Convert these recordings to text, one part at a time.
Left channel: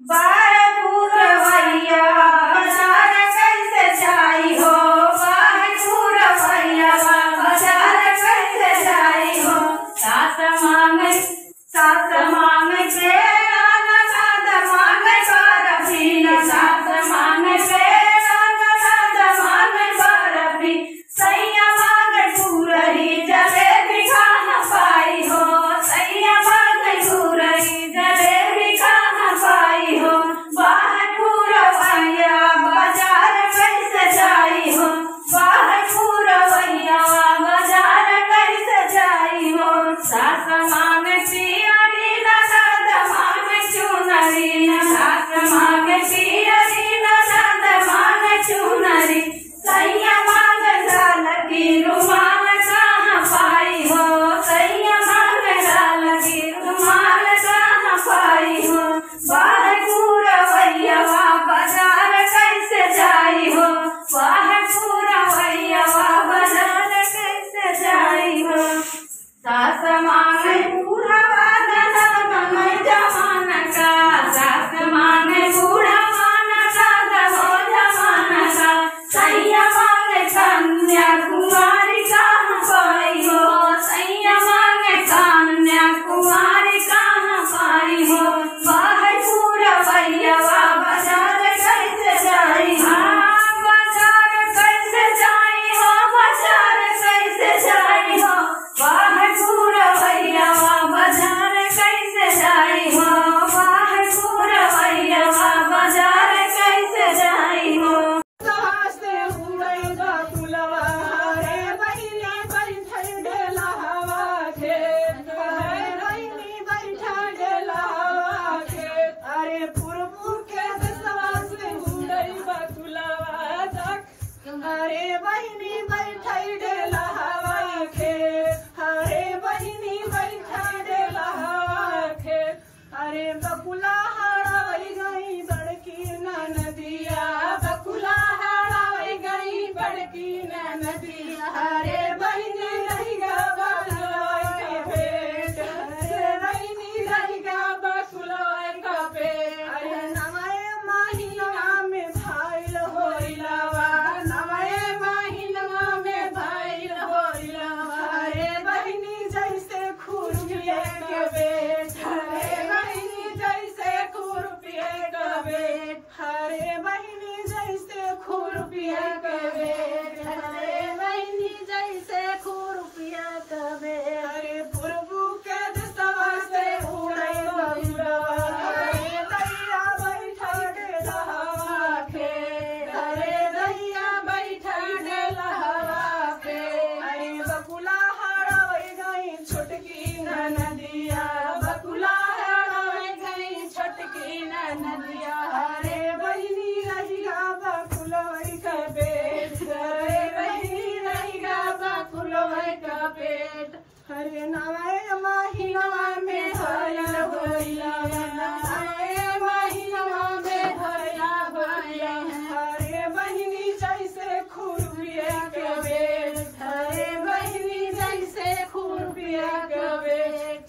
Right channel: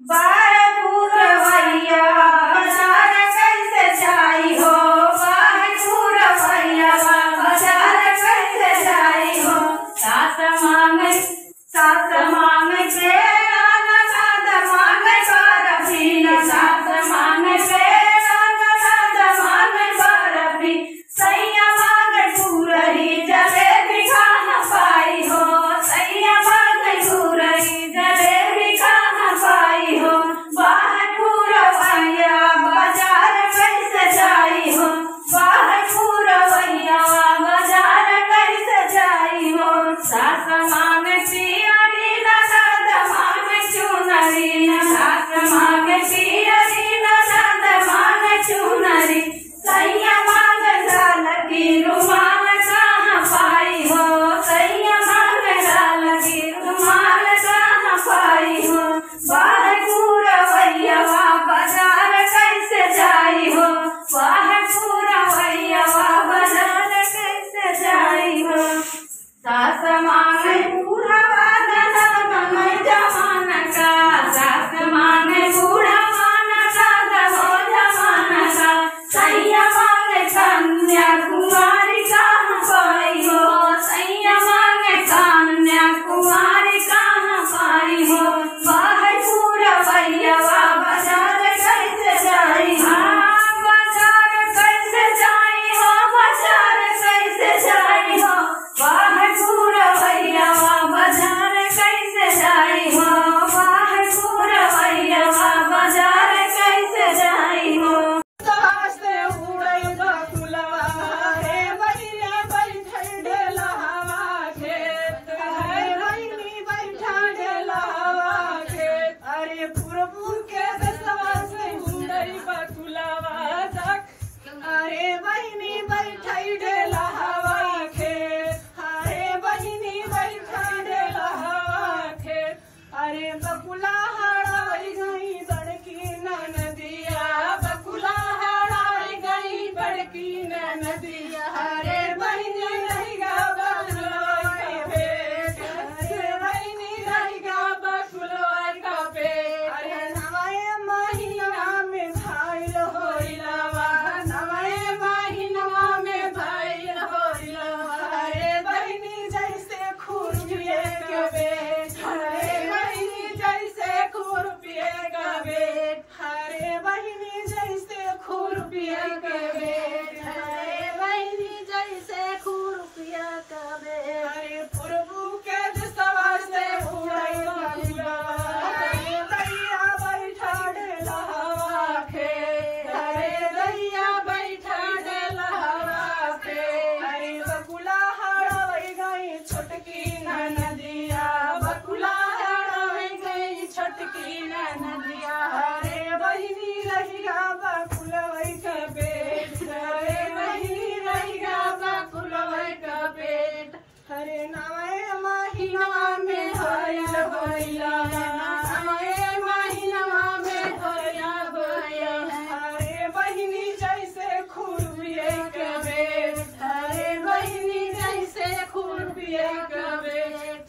बारहपुर भैया बाजार कैसे जाई हो, बारहपुर भैया बाजार कैसे जाई हो। सास मांगे पेड़ा ननद मांगे बर्फी, सास मांगे पेड़ा ननद मांगे बर्फी। सैया मांगे गुरही जलेबी खा न पाई हो, सैया मांगे गुरही जलेबी खा न पाई हो। बारहपुर भैया बाजार कैसे जाई हो, बारहपुर भैया बाजार कैसे जाई हो। सास मांगे पियरी ननद मांगे चुनरी, सास मांगे पियरी ननद मांगे चुनरी। सैया मांगे लाल की रुमाल कहाँ पाई हो, सैया मांगे लाल की रुमाल कहाँ पाई हो। बारहपुर भैया बाजार कैसे जाई हो, बारहपुर भैया बाजार कैसे जाई हो। सास मांगे बूढ़ा ननद मैं जमाना का, सास मांगे बूढ़ा ननद हो जमाना का। सैया मांगे कन्याकुमारी कहाँ पाई हो, सैया मांगे कन्याकुमारी कहाँ पाई हो। बारहपुर भैया बाजार कैसे जाई हो, बाजार कैसे जाई हो, बाजार कैसे जाई हो। बारहपुर भैया बाजार कैसे जाई हो, बारहपुर भैया बाजार कैसे जाई हो। अरे बहिनी बैठाई डेला हवा खेत, अरे बहिनी बैठाई डेला हवा खेत। अरे बकुला हड़ाई गई बड़की नदिया, बकुला हड़ाई गई बड़की नदिया। अरे बहिनी रहेगा बकुला का पेट, अरे बहिनी रहेगा बकुला का पेट। अरे नवाए महीना में भाई होइलावा, नवाए महीना में भाई होइलावा। अरे बहिनी जैसे खुरपिए के बेट, अरे बहिनी जैसे खुरपिए का बेट, अरे बहिनी जैसे खुरपिए के बेट, अरे बहिनी जैसे खुरपिए का बेट। अरे पुरबू के दिशा से उड़े बकुलवा, अरे दैया बैठा डेला हवा खेत, अरे दैया बैठा डेला हवा खेत। अरे बकुला हड़ाई गई छोटकी नदिया, बकुला हड़ाई गई छोटकी नदिया। अरे बहिनी रहेगा बकुलवै का पेट, अरे बहिनी रहेगा बकुलवै का पेट। अरे नवाए महीना में भयल होइला, नवाए महीना में भया होइला। अरे बहिनी जैसे खुरपिए के बेट, अरे बहिनी जैसे खुरपिए के बेट।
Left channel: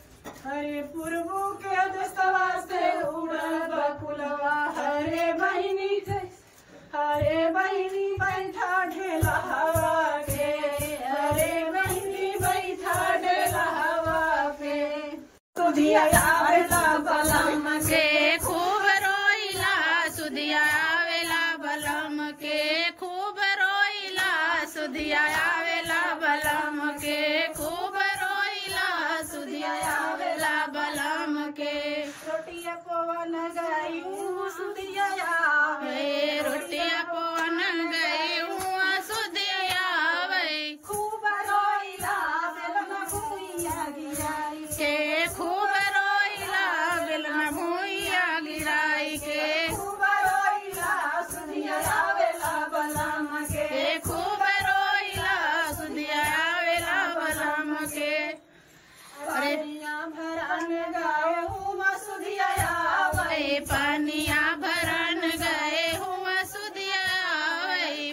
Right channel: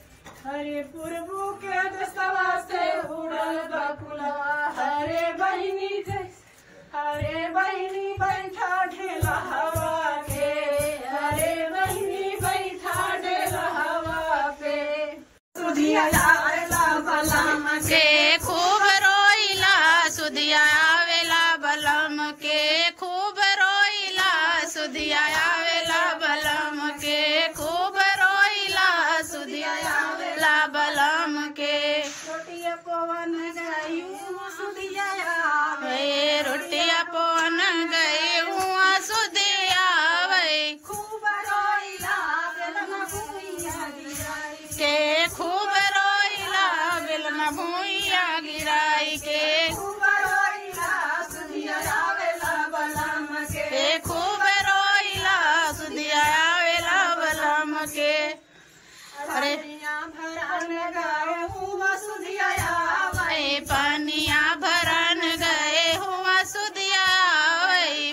अरे पुरबू के देशवा से उड़ल बकुलवा, अरे बहिनी जैसे, अरे बहिनी बैठा ढेला हवा के, अरे बहिनी बैठा ढेला हवा पे। सुधिया आवेला बलम के खूब रोइला, सुधिया आवेला बलम के खूब रोइला, सुधिया आवेला बलम के खूब रोइला, सुधिया आवेला बलम के। रोटिया पवन गई सुधिया वे रोटिया पवन गई हुआ सुधिया आवे, खूब रोइला बेलन भुइया गिराई के खूब रोइला बेलन भुइया गिराई के। खूब रोइला सुधिया आवेला बलम के खूब रोइला सुधिया आवेला बलम के। अरे भरन गए हुआ सुधिया आवे, पानिया भरन गए हुआ सुधिया आवे,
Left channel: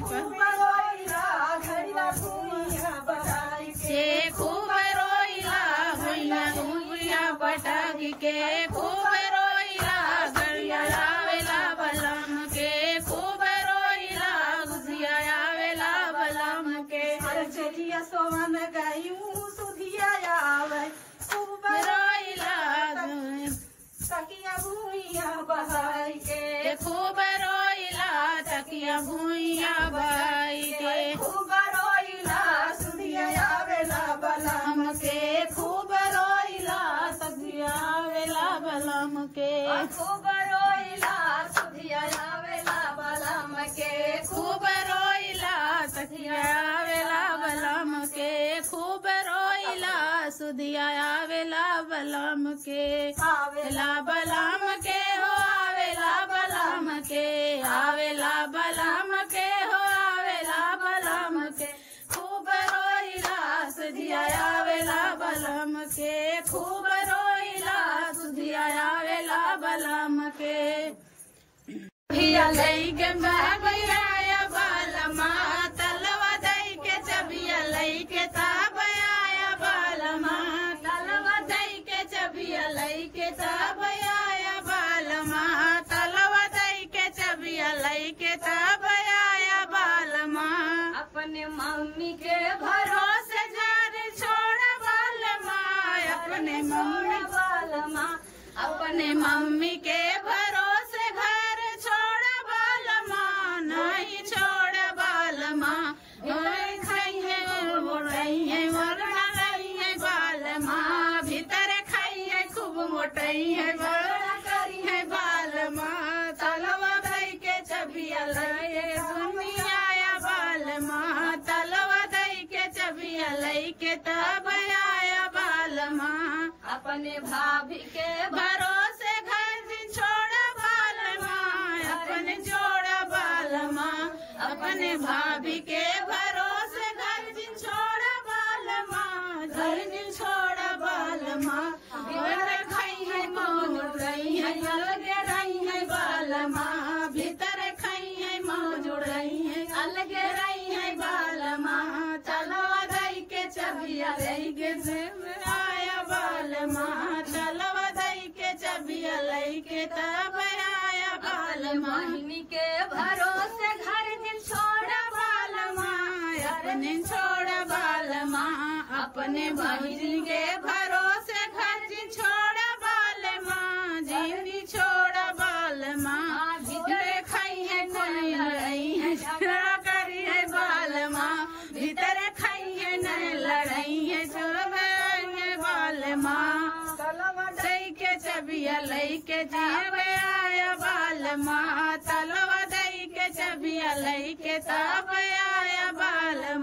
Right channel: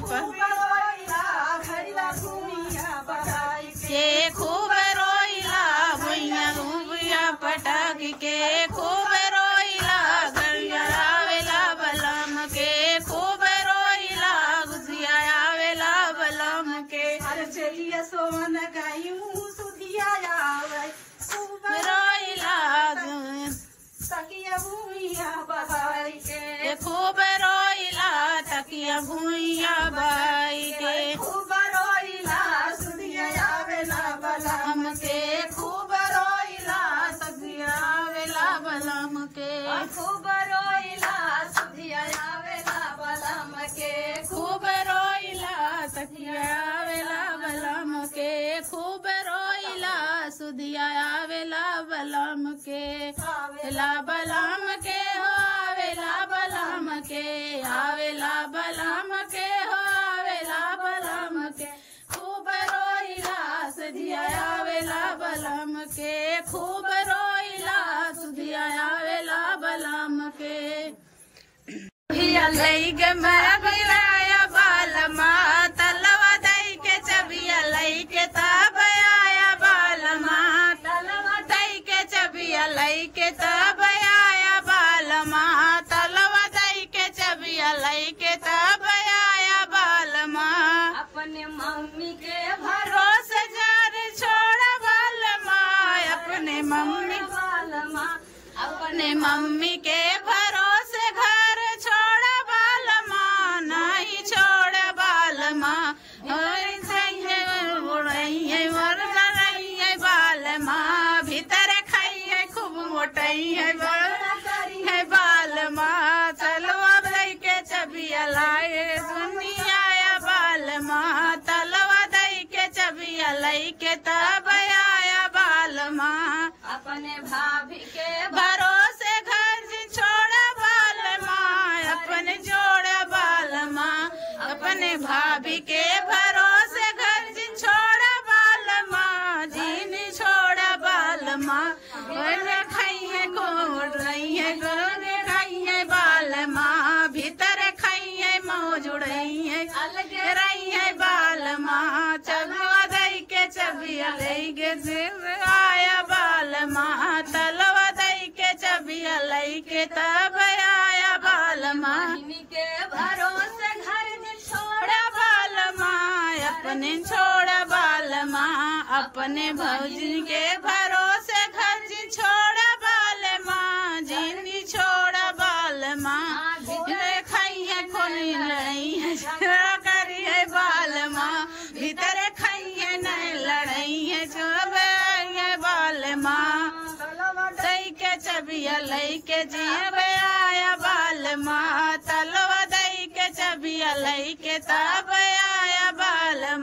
के खूब रोइला भुइया भुइया पटक के खूब रोइला गरिया भूइया बाई के खूब रोइला सुधिया आवेला बलम के खूब रोइला सखिया आवेला बलम के खूब रोइला सुधिया आवेला बलम के खूब रोइला सखिया आवेला बलम के खूब रोइला सुधिया आवेला बलम के आवेला बलम के हो आवेला बलम के आवेला बलम के हो आवेला बलम के खूब रोइला सुधिया आवेला बलम के खूब रोइला सुधिया आवेला बलम के लई के मरा बिराया बालमा तलवा दई के चबिया लई के तब आया बालमा तलवा दई के चबिया लई के तब आया बालमा तलवा दई के चबिया लई के तब आया बालमा अपने मम्मी के भरोसे जारी छोड़ा बालमा अपने मम्मी बालमा अपने मम्मी के भरोसे घर छोड़ा बालमा नहीं छोड़ बालमा बालमा भीतर खाइए खूब मोटई है है बालमा तलवा दई के चबिया लाए दुनिया बालमा तलवा दई के चबिया लई के तब आया बालमा अपने भाभी के भरोसे घर छोड़ा बालमा अपने जोड़ा बालमा अपने भाभी के भरोसे घर छोड़ा बालमा जीन छोड़ा बालमा खाई है कोट रही है गोगे खाई है बालमा भीतर खाई है मौजूद रही है अलग रही है बालमा चलवा दई के चबिया लई के आया बालमा तलवा दई के चबिया लई के तब आया बालमा मम्मी के भरोसे घर छोड़ा बालमा अपने छोड़ा बालमा अपने भौजी के भरोसे घर छोड़ा बालमा जिंदी छोड़ा बालमा खाई है खोली लड़ी है करी है बालमा भीतर खाई है नहीं लड़ाई है चोब है बालमा दई के चबिया लई के जीव आया बालमा तलवा दई के चबिया लई के तब आया बालमा